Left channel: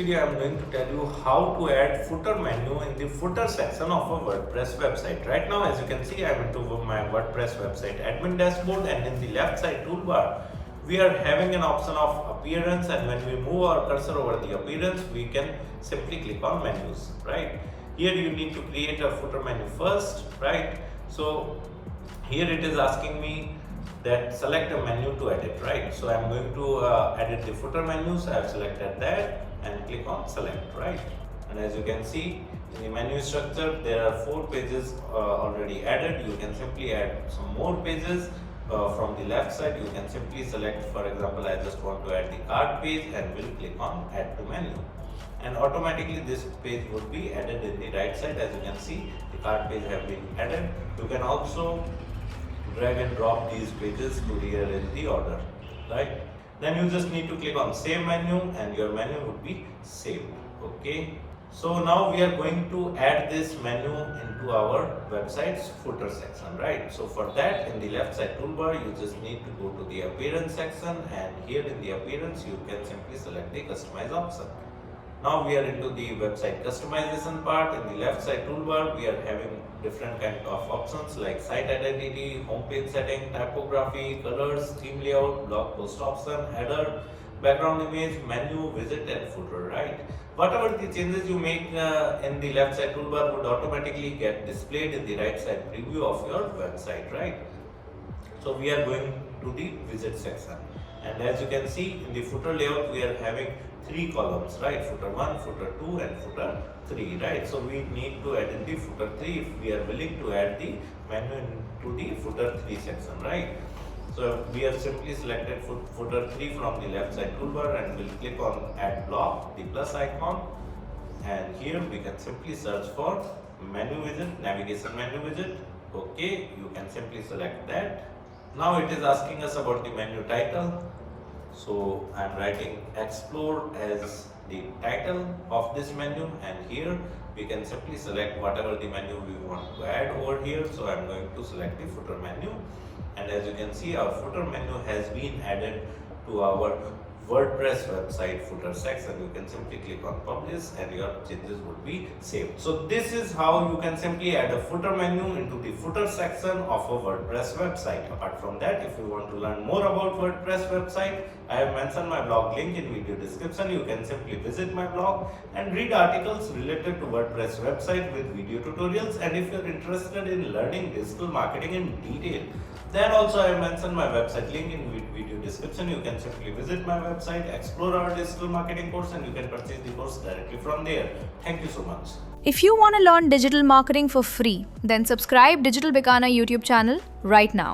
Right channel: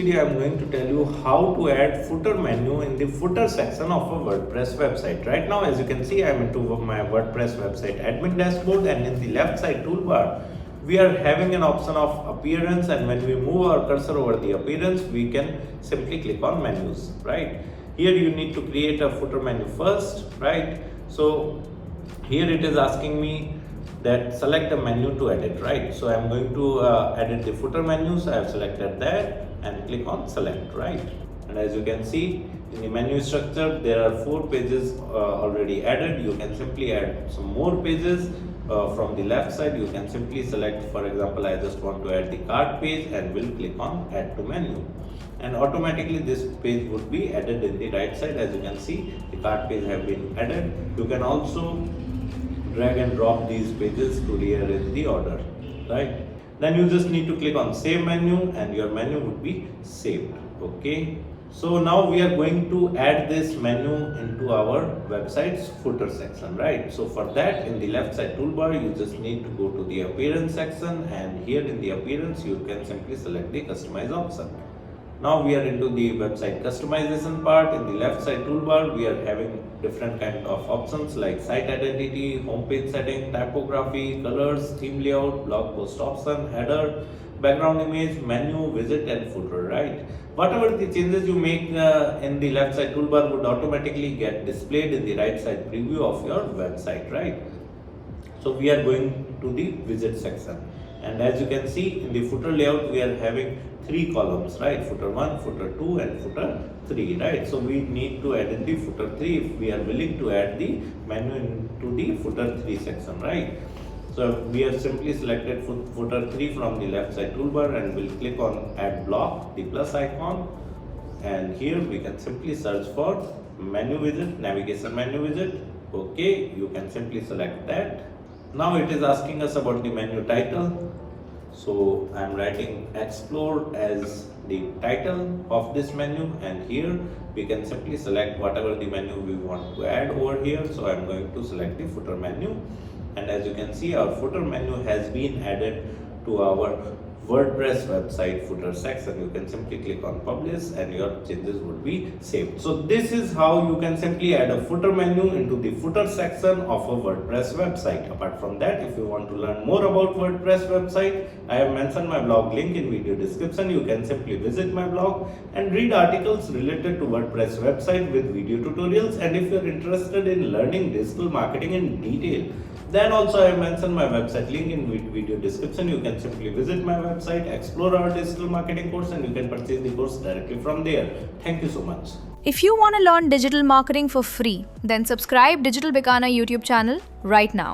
video I am going to tell you how to add footer menu in the footer section of a WordPress website. Right now, as you can see, I am into my WordPress website admin dashboard, and in the left side toolbar we are having an option of appearance, and when we move our cursor over the appearance we can simply click on menus. Right here you need to create a footer menu first. Right, so here it is asking me that select a menu to edit. Right, so I'm going to edit the footer menu, so I have selected that and click on select. Right, and as you can see in the menu structure there are 4 pages already added. You can simply add some more pages. From the left side you can simply select, for example, I just want to add the cart page, and will click on add to menu, and automatically this page would be added in the right side. As you can see, the cart page have been added. You can also drag and drop these pages to rearrange the order. Right, then you just need to click on save menu and your menu would be saved. Okay, so now we are going to add this menu into our website's footer section. Right, so for that, in the left side toolbar you just need to go to the appearance section, and here in the appearance you can simply select the customize option. Now we are into the website customization part. In the left side toolbar we are having different kind of options like site identity, homepage setting, typography, colors, theme layout, blog post option, header, background image, menu, widget and footer. Right, whatever the changes you make in the left side toolbar would automatically get displayed in the right side preview of your website. Right, so we are going to the widget section, and as you can see in the footer layout we are having 3 columns. Right, footer 1, footer 2 and footer 3. Right, so we need to add in the footer 3 if we are willing to add the menu into the footer 3 section. Right, so we have simply selected footer 3 from the left side toolbar and will click on add block, the plus icon, and here we can simply search for menu widget, navigation menu widget. Okay, you can simply select that. Now it is asking us about the menu title, so I am writing explore as the title of this menu, and here we can simply select whatever the menu we want to add over here. So I am going to select the footer menu, and as you can see our footer menu has been added to our WordPress website footer section. You can simply click on publish and your changes would be saved. So this is how you can simply add a footer menu into the footer section of a WordPress website. Apart from that, if you want to learn more about WordPress website, I have mentioned my blog link in video description. You can simply visit my blog and read articles related to WordPress website with video tutorials. And if you're interested in learning digital marketing in detail, then also I have mentioned my website link in video description. You can simply visit my website, explore our digital marketing course, and you can purchase the course directly from there. Thank you so much. If you want to learn digital marketing for free, then subscribe Digital Bikana YouTube channel right now.